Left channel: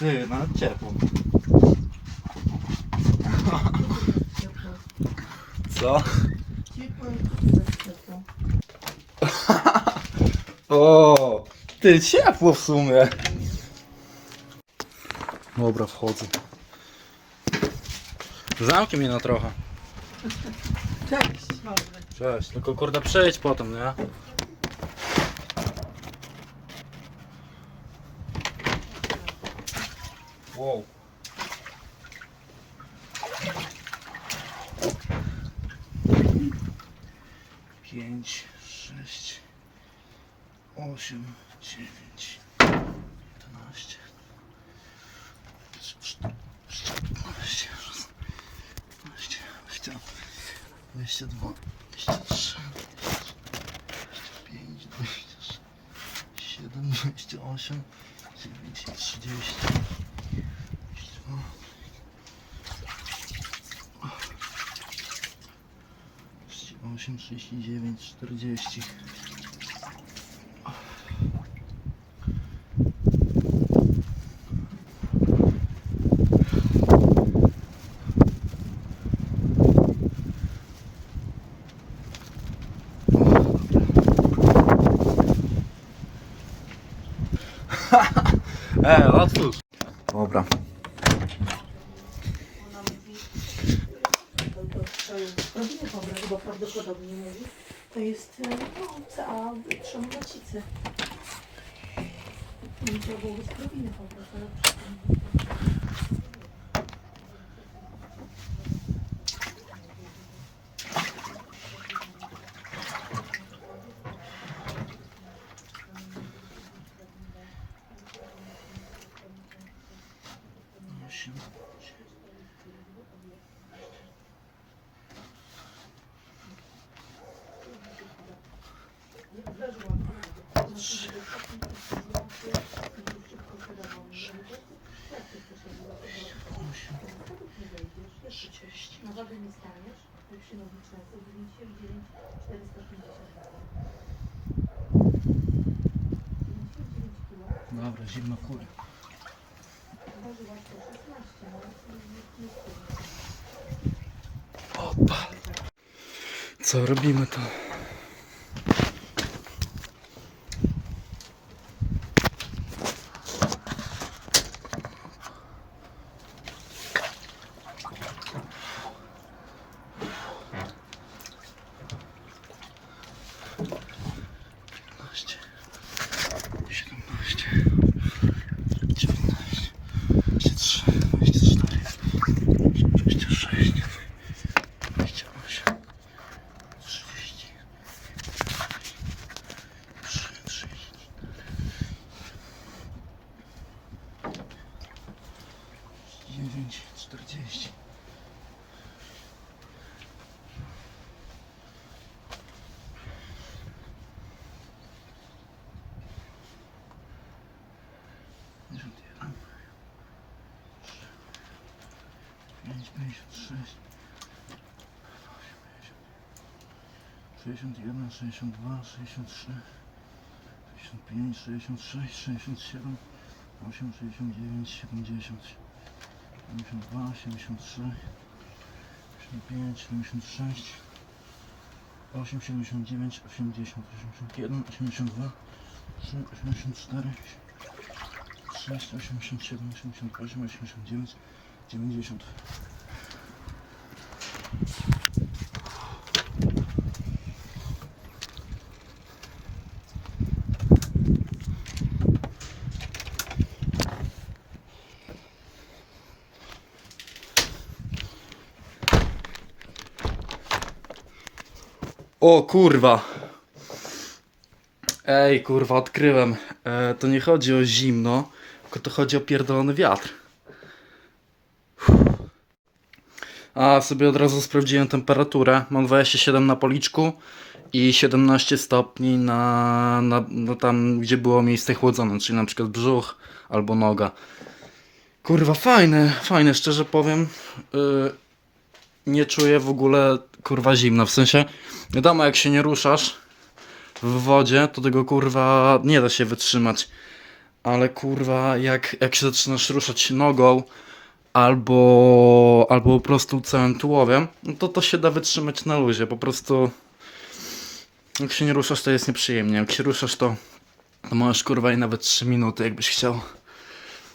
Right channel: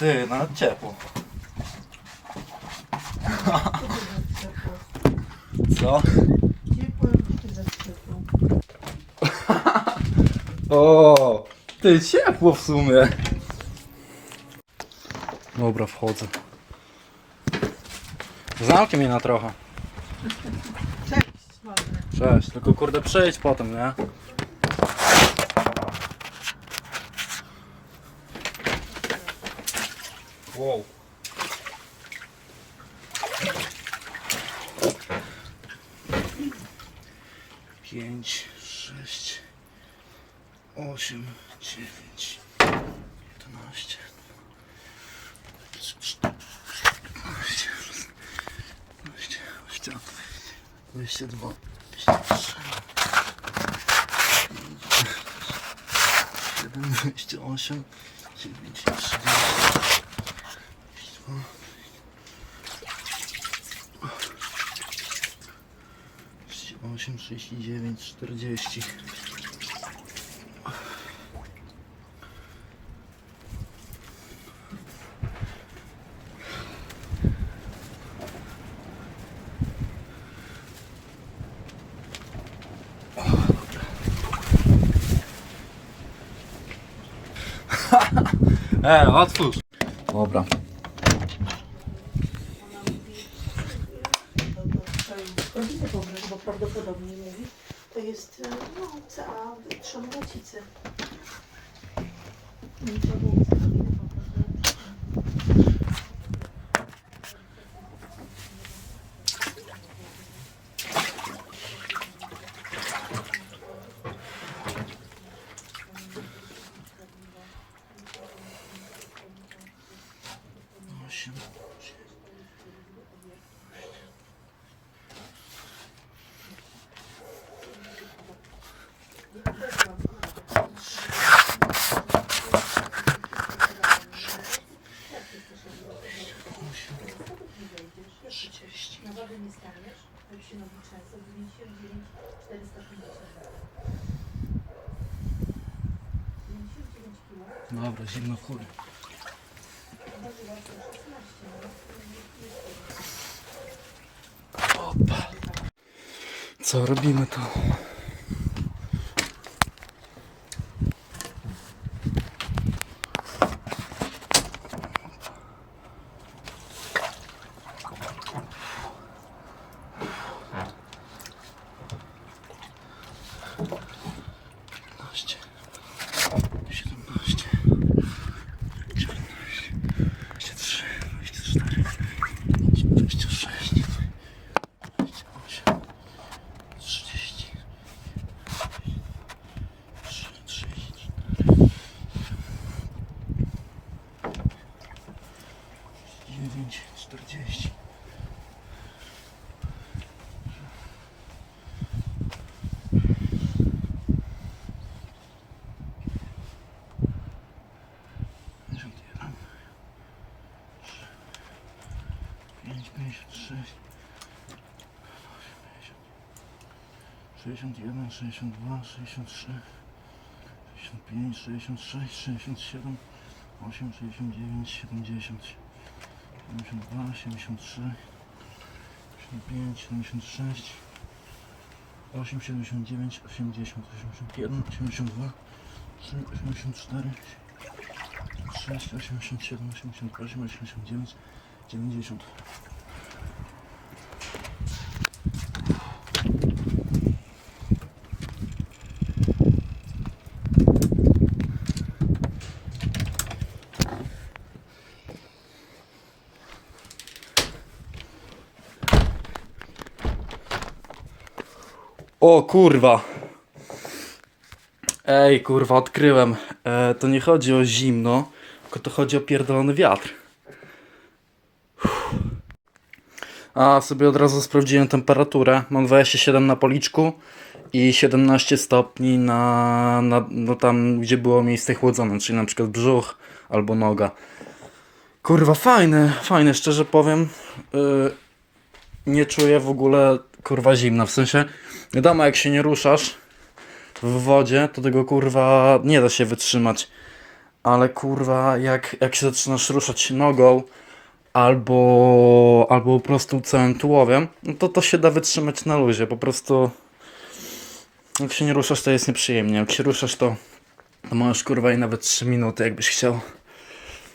Ty, nawet ciepło. Co? Ciepło, ciepło. O, ty ciepło w sumie. Dobra, wchodzę. Zamknij mnie na trochę. Cześć. Cześć, tylko kurde przyjdź potem, nie? Wow. Pięć, sześć, osiem, dziewięć, dwanaście, dwanaście, dwanaście, dwieście dwa, dwieście trzy, siedem, dwieście osiem, dziewięć, trzydzieści, dwieście dwa, trzydzieści osiem, trzydzieści dziewięć, czterdzieści. E, otwórz. Dobra. Rodziny pobrać, bo prawdopodobnie mieli. To jest e, no, CA trzomlecicy. I to było rodziny pobrać. Osiem. Trzydzieści. Na wagę nie staniesz, to już się nowi często 99 450 99 kg. Dobra, zimno w chuj. Ważyła 116, no Opa. Co robimy to? Piętnaście, siedemnaście, dziewiętnaście, dwadzieścia trzy, dwadzieścia cztery, dwadzieścia sześć. 28, 30, 30, 9, 40. Pięćdziesiąt jeden, pięć, pięćdziesiąt sześć. 61, 62, 63, 65, 66, 67, 8, 69, 70, 72, 73, 75, 76, 8, 79, 80, 81, 82, 3, 84, 6, 87, 88, 89, 90. O kurwa. Ej, kurwa, odkryłem. E, to nie chodzi o zimno, tylko to chodzi o pierdolony wiatr. A sobie od razu sprawdziłem temperaturę. Mam 27 na policzku i 17 stopni na, na no tam, gdzie było miejsce chłodzone, czyli na przykład brzuch albo noga. Kurwa, fajne, fajne, szczerze powiem. Yy, nie czuję w ogóle kurwa zimna. W sensie, wiadomo, jak się nie ruszasz w wodzie, to tego kurwa nie da się wytrzymać. ale kurwa, jak, jak się zaczynasz ruszać nogą albo, albo po prostu całym tułowiem, no to to się da wytrzymać na luzie. Po prostu jak się nie ruszasz, to jest nieprzyjemnie. Jak się ruszasz, to, to możesz kurwa i nawet 3 minuty, jakbyś chciał.